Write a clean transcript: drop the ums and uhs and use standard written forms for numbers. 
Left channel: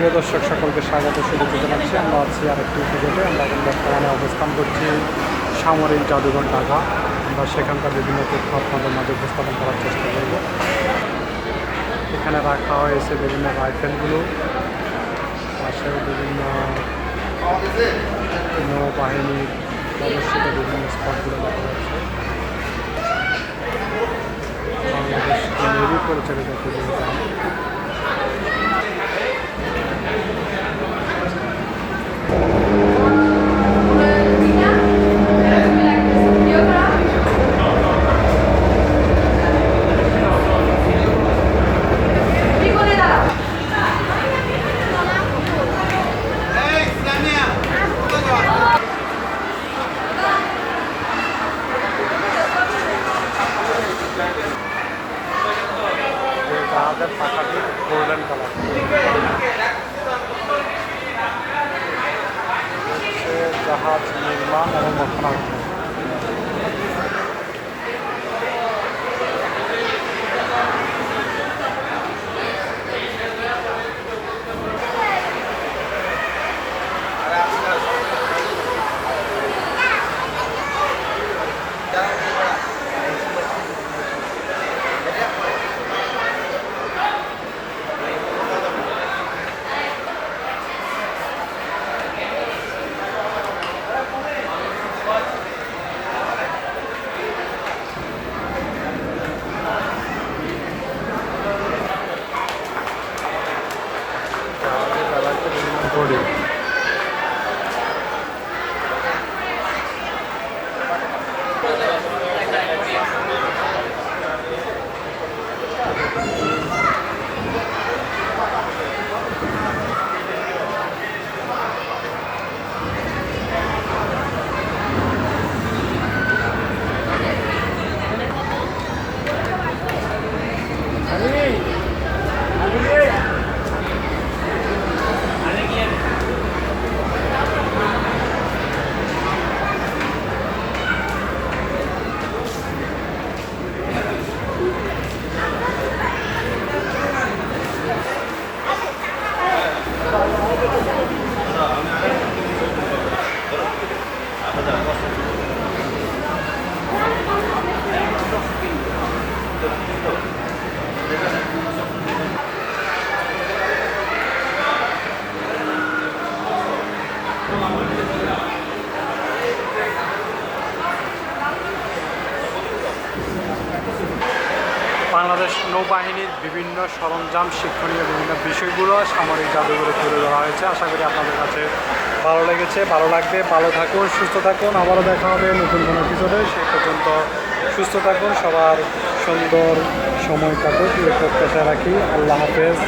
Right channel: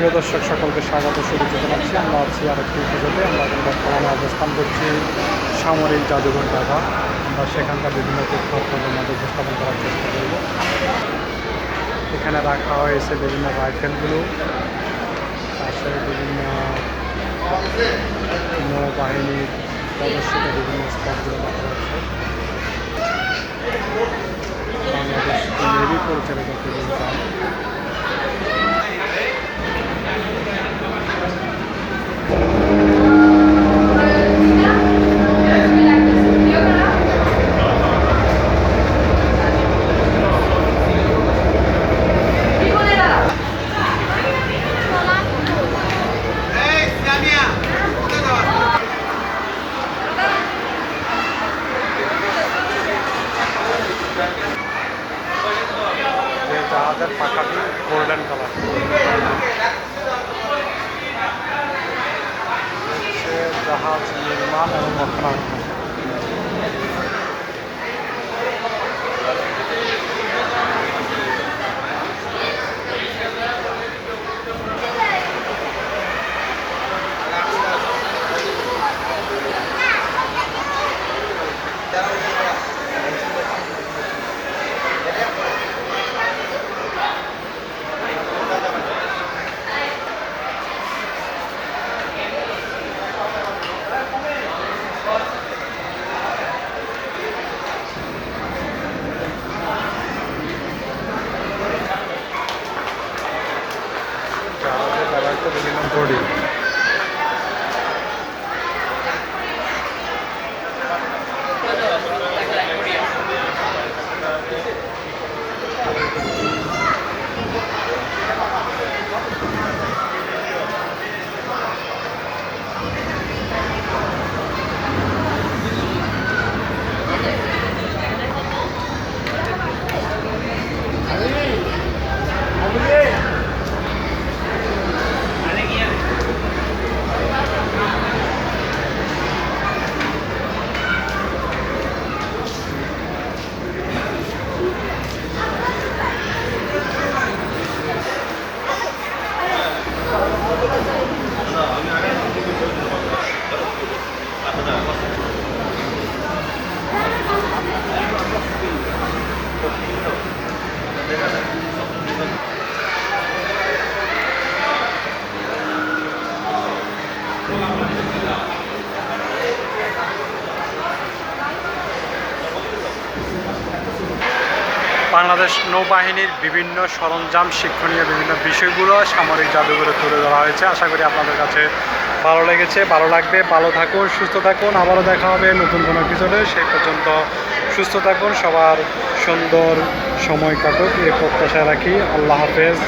প্রিয় দর্শক সকলকে স্বাগত শুভেচ্ছা জানাচ্ছি। আমরা আছি আরেকটি ভিডিওতে। আমরা এখন বর্তমানে অবস্থান করছি সামরিক জাদুঘর ঢাকা। আমরা সেখানকার বিভিন্ন তথ্য আপনাদের মাঝে উপস্থাপন করার চেষ্টা করব। এখানে রাখা হয়েছে বিভিন্ন রাইফেলগুলো, পাশে বিভিন্ন নৌবাহিনীর প্রদর্শিত বিভিন্ন স্পটগুলো দেখা যাচ্ছে। বাংলাদেশ নেভি পরিচালিত একটি বিমান। যে জাহাজের পাখাটি গোল্ডেন কালার, হচ্ছে জাহাজ নির্মাণ এবং রক্ষণাবেক্ষণ। জাহাজে ব্যবহৃত বিভিন্ন বডি। বাংলাদেশ নৌবাহিনীর বিভিন্ন সরঞ্জাম, শিক্ষণীয় বিভিন্ন বিষয়গুলো সামরিক জাদুঘরে তুলে ধরা হয়েছে। আশা করি আপনাদের কাছে ভালো লেগেছে, ভালো লাগবে। ভালো থাকুন, সুস্থ থাকুন। আবারও দেখা হবে নতুন কোনো এপিসোডে। সেই পর্যন্ত সুস্থ থাকুন, সবার সুন্দর সময় কাটুক এই প্রত্যাশা রাখি। আল্লাহ হাফেজ।